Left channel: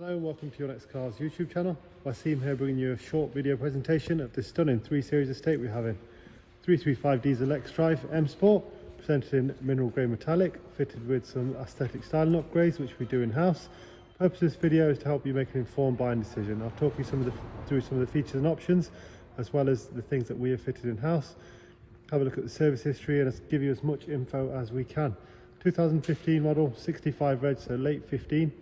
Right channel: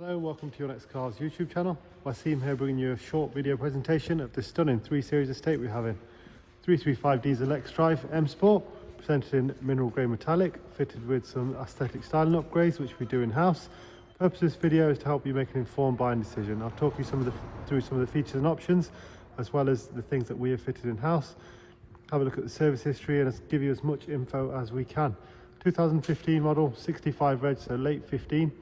Hello and welcome to Your Next Cars YouTube channel. Wasim here bringing you a short video presentation of the stunning 3 Series estate we have in 335 diesel X-Drive M Sport, presented in mineral grey metallic, fitted with some aesthetic styling upgrades which we do in-house. The purpose of this video is to help you make an informed buying decision. I'll talk you through some of the features and options, as well as the things that we have fitted in-house. Have a look at the service history and give you as much info as we can. 2015 model, 65 reg, so late 15.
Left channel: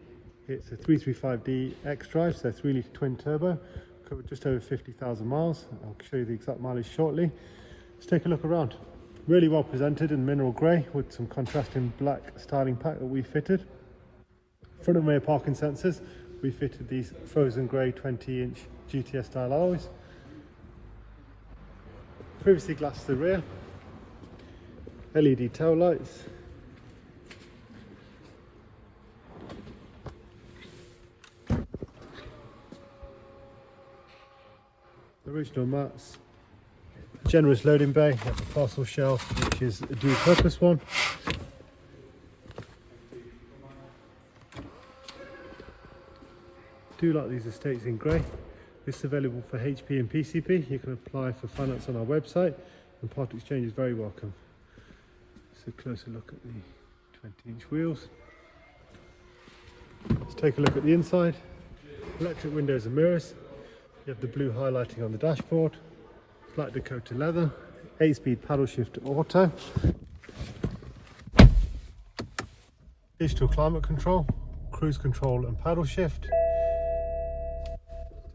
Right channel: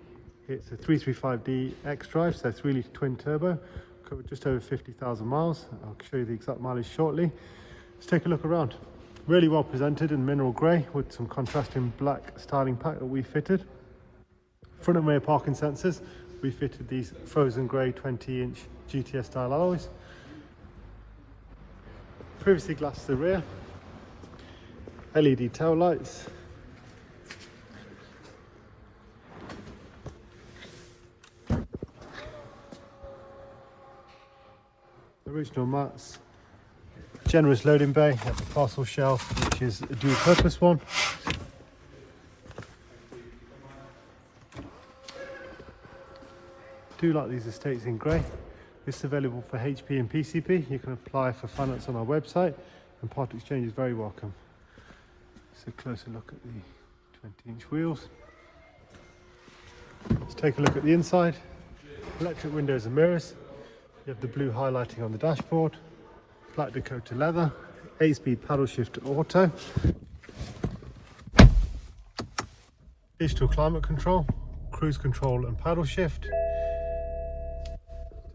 It's a 335D X-Drive, so 3-litre twin turbo, covered just over 50,000 miles. I'll show you the exact mileage shortly. Let's take a look around. Really well presented in mineral grey with some contrasting black styling pack that we fitted. Front and rear parking sensors, we fitted these frozen grey 20-inch GTS style alloys. Privacy glass to the rear, LED tail lights, original mats, generous loading bay at the parcel shelf, which is a dual purpose one. Do like these estates in grey. This is available for HP and PCP. You can apply for finance on our website, and part exchange is very welcome. So a closer look at the 20-inch wheels. Let's take a look at the inside. Electric windows and mirrors. You have the blue highlighting on the dashboard, black Dakota leather, 8-speed paddle shift auto, digital climate control, cruise control and paddle shift.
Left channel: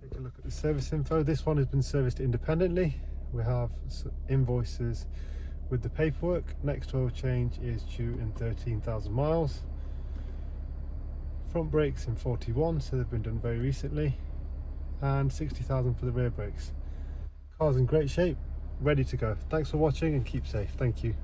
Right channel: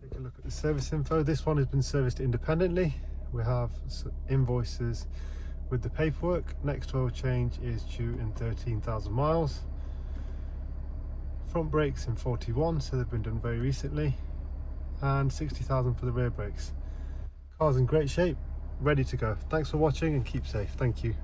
Take a look at the service info. This one has been serviced independently. We have invoices with the paperwork. Next oil change is due in 13,000 miles. Front brakes in 41, so they've been done very recently. And 60,000 for the rear brakes. Car's in great shape, ready to go. Thanks for watching and keep safe. Thank you.